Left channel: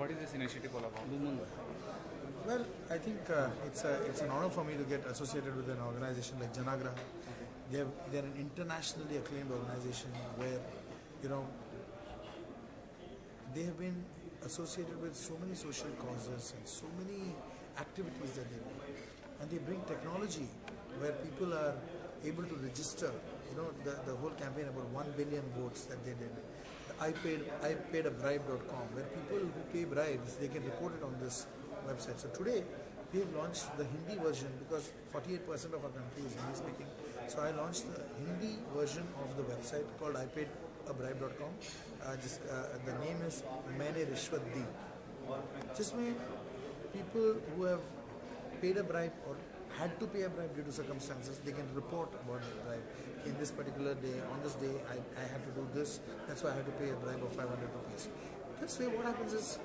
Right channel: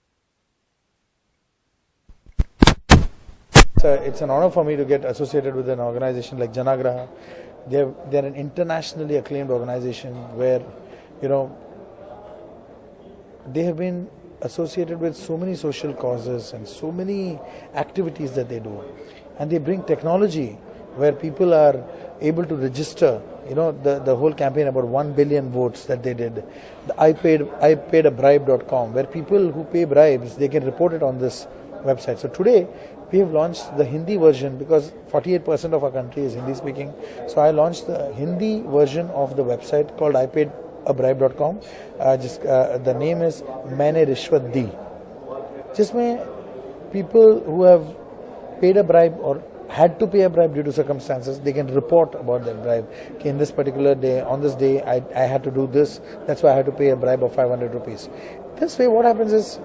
what is this initiative all about? Well, I think it's an honor for me to get associated with an organization like Janagraha. They're an internationally acclaimed organization where, you know, they have been associated with so many social causes and so many activities that they do. And they bring technology where people are able to register, the whole campaign about 1 billion votes that they did. The Ipaidbribe.com, where people who pay bribes, they can report it on this website. So today, we have launched the Hindi version because 48% of our country is Hindi speaking. So I launched the Hindi version of the website called Ipaidbribe.com. The name is Maine Rishwat Di. जिसमें people who have paid a bribe or had to pay a bribe due to circumstances, they can report about that bribe. Okay, in this particular day, on this day, I had to do this. That's why I had to pay a bribe of 500 rupees. This way, what happens is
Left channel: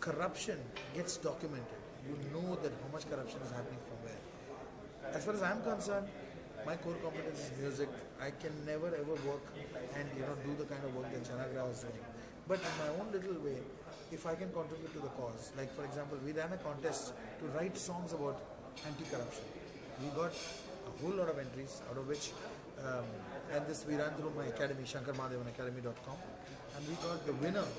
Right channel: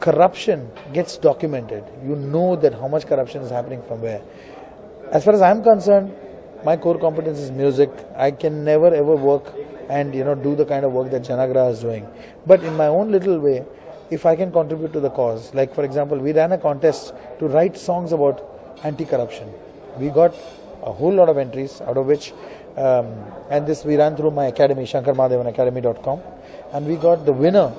corruption gets documented. You know that how much corruption is happening from where. As far as I'm concerned, my core competence is music. I can never ever work and do the kind of work that Janagraha is doing. But in my own little way, if I can contribute to the cause, like for example, we ran a contest to write songs about anti-corruption. We got a whole lot of entries, out of which, and this we ran through my academy, Shankar Mahadevan Academy.com, and we got the winner.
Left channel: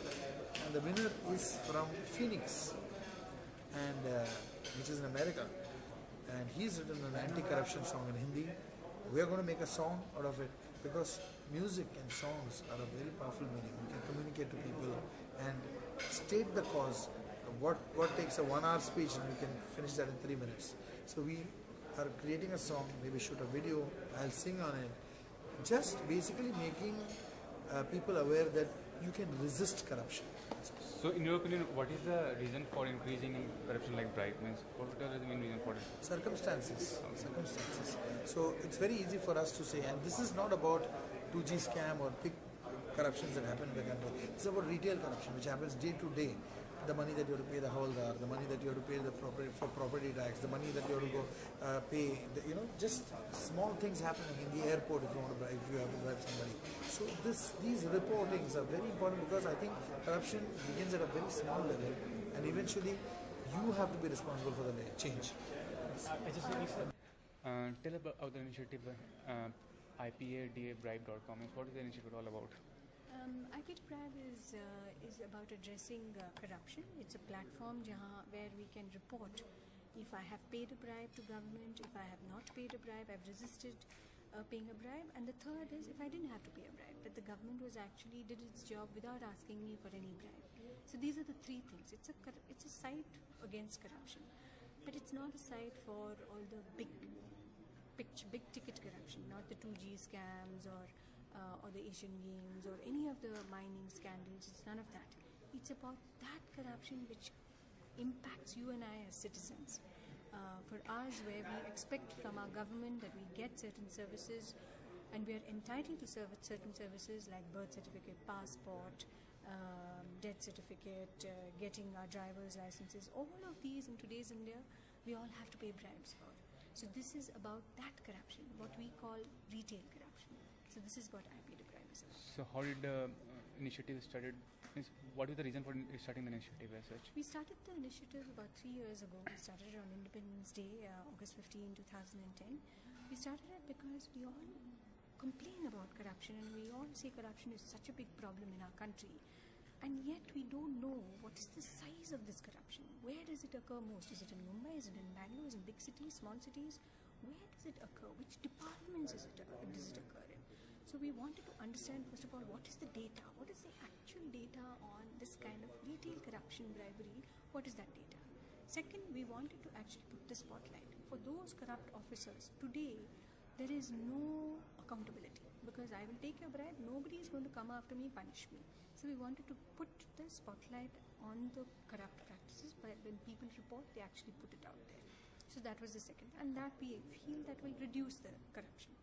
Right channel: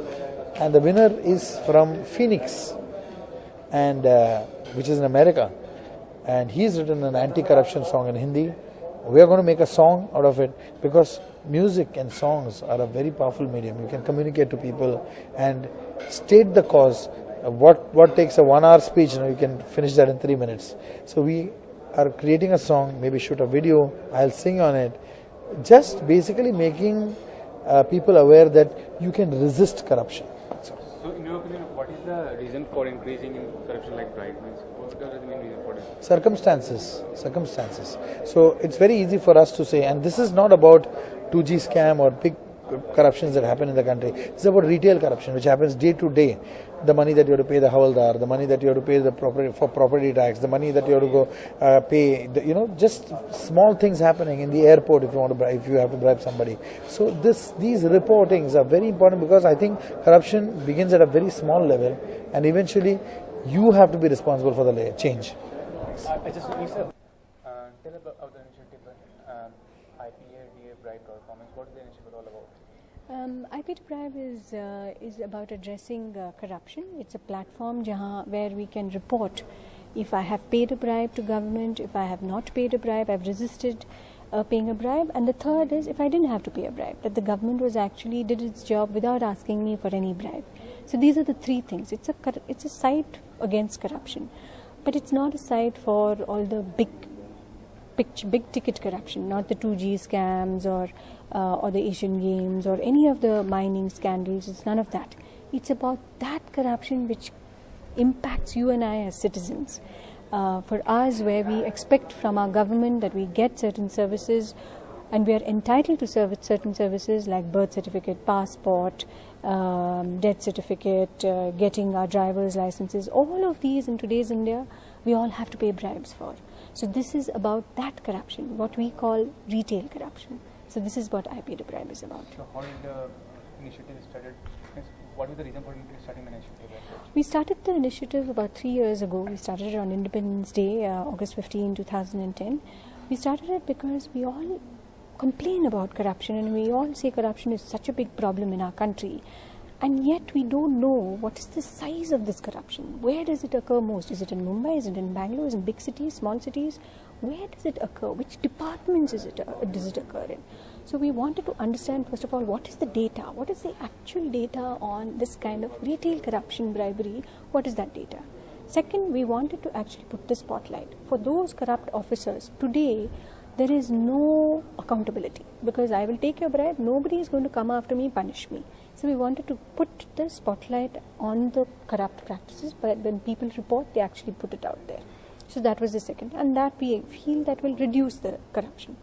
And the winner is from Phoenix, and which is in America. And he's written an anti-corruption song in Hindi. We are going to make a song out of it because music and songs are a very powerful medium. You can communicate to people and state the cause. What takes a 1 hour speech, you can finish that in 3 minutes. So we are creating a song, maybe shoot a video, I'll sing on it. Just basically making people aware that you can resist corruption. So in your opinion, what is the reason for increasing corruption like bribe? What is the main reason for it? Circumstances. So it's very easy for us to say, and this is not about 2G scam or big corruptions that happen in the country. It's about retail corruption, which happens day to day. The money that you have to pay the Havaldar, the money that you have to pay for property tax, the money that you have to go pay, just small things happening in the airport if you have to bribe somebody. So these reportings are very important because I think corruption begins at a very small level and eventually you have to be responsible for the change. I just need to tell about the initiative Ipaidbribe.com. What is the initiative all about? Ipaidbribe is about addressing corruption. It's a platform where we can report if I have paid a bribe to government, if I have not paid a bribe, I've resisted paying a bribe. And the third is if I didn't have to pay a bribe, that the government was actually did its job without asking me for any bribe. So these are the three things. It's a site against corruption, but it's not a site for all the big ticket corruption, not the 2G scams or the Asian Games or any of the mining scandals. It's none of that. It's about that corruption which impacts you and I as citizens. For us, where we expect from our government that we get certain services and we are entitled to certain services like birth certificate, passport, death certificate, getting our driver's licenses, all of these in today's India, we all have to pay bribes for. So this is about that corruption, what we call retail corruption. So this is what Ipaidbribe is about. So how did the initiative started? What was the reason for starting the initiative? We started the initiative about 3 years ago. We started it on Independence Day, August 15, 2010. We started it because we all complain about corruption and we all say corruption is such a big problem in our country. And yet we don't know what is the size of this corruption. Where does it occur most? Is it in Mumbai? Is it in Bangalore? Is it in big cities, small cities? Where does it occur? Which departments does it occur in? So we wanted to understand, first of all, what is the data? What is the actual data on this kind of retail corruption, bribery? What is that data? Second, we wanted to actually put the spotlight. For those corrupt officers, today, there is no accountability because I will take your bribe, nobody is going to come after me, punish me. So we wanted to put the spotlight on the corrupt practices, but when people report, they actually put it out there. So that was the second, and that we feel that will reduce the corruption.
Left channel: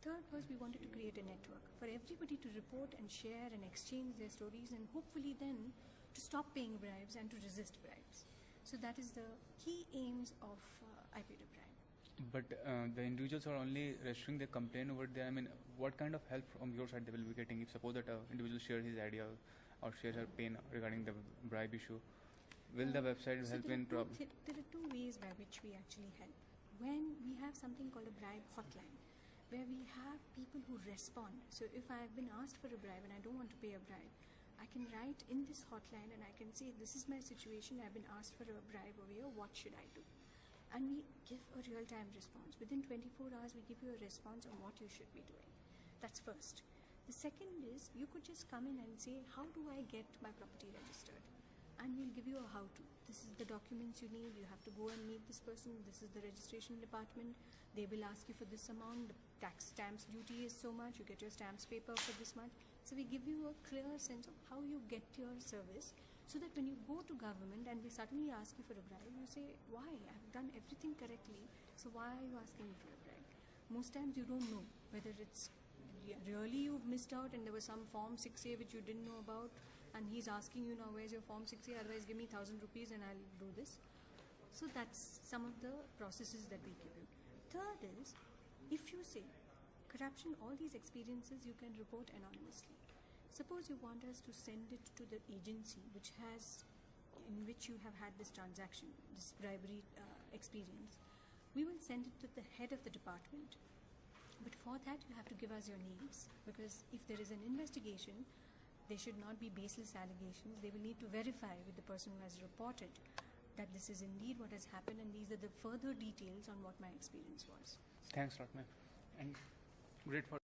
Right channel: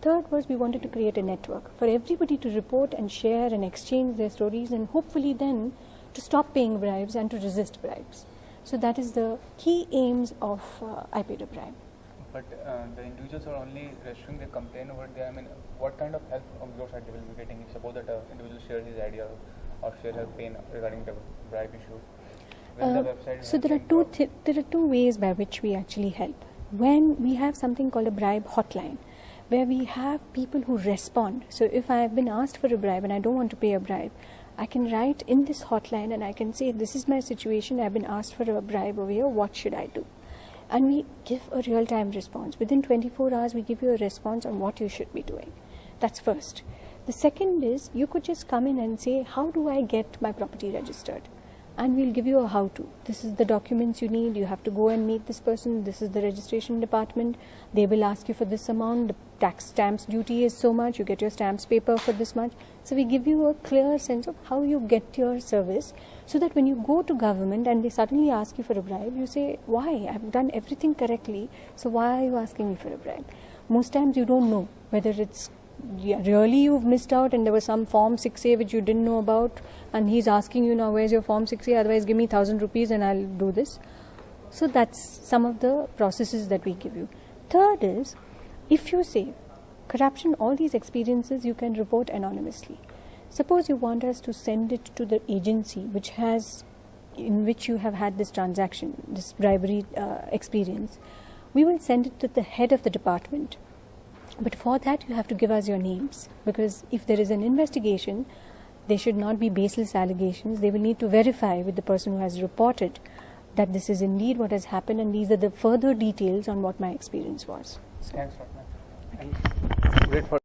Third was we wanted to create a network for everybody to report and share and exchange their stories and hopefully then to stop paying bribes and to resist bribes. So that is the key aims of Ipaidbribe. But the individuals are only registering their complaint over there. I mean, what kind of help from your side they will be getting if suppose that an individual shares his idea or share her pain regarding the bribe issue? Will the website So help there are them there are two ways by which we actually help. When we have something called a bribe hotline, where we have people who respond. So if I have been asked for a bribe and I don't want to pay a bribe, I can write in this hotline and I can say, this is my situation, I've been asked for a bribe over here, what should I do? And we give a real-time response. Within 24 hours, we give you a response on what you should be doing. That's first. The second is, you could just come in and say, how do I get my property registered? And we'll give you a how-to. This is the documents you need. You have to go and meet this person. This is the registration department. They will ask you for this amount. The tax stamps duty is so much. You get your stamps paper for this much. So we give you a clear sense of how you get your service, so that when you go to government and they suddenly ask you for a bribe, you say, why? I've done everything correctly. So why are you asking me for a bribe? Most times you don't know whether it's really you've missed out and there was some form 6A which you didn't know about, and he's asking you now, where's your form 6A, otherwise give me 1,000 rupees and I'll do this. So that's some of the processes that we give you. Third is, if you say corruption, all these experiences you can report anonymously. Suppose you want us to send it to the agency which has, in which you have had this transaction, this bribery experience, we will send it to the head of the department. But for that, you have to give us your names, because if there is an investigation, there should not be baseless allegations. They will need to verify with the person who has reported that this is indeed what has happened, and these are the further details on what my experience was. Thanks a lot, ma'am. And great for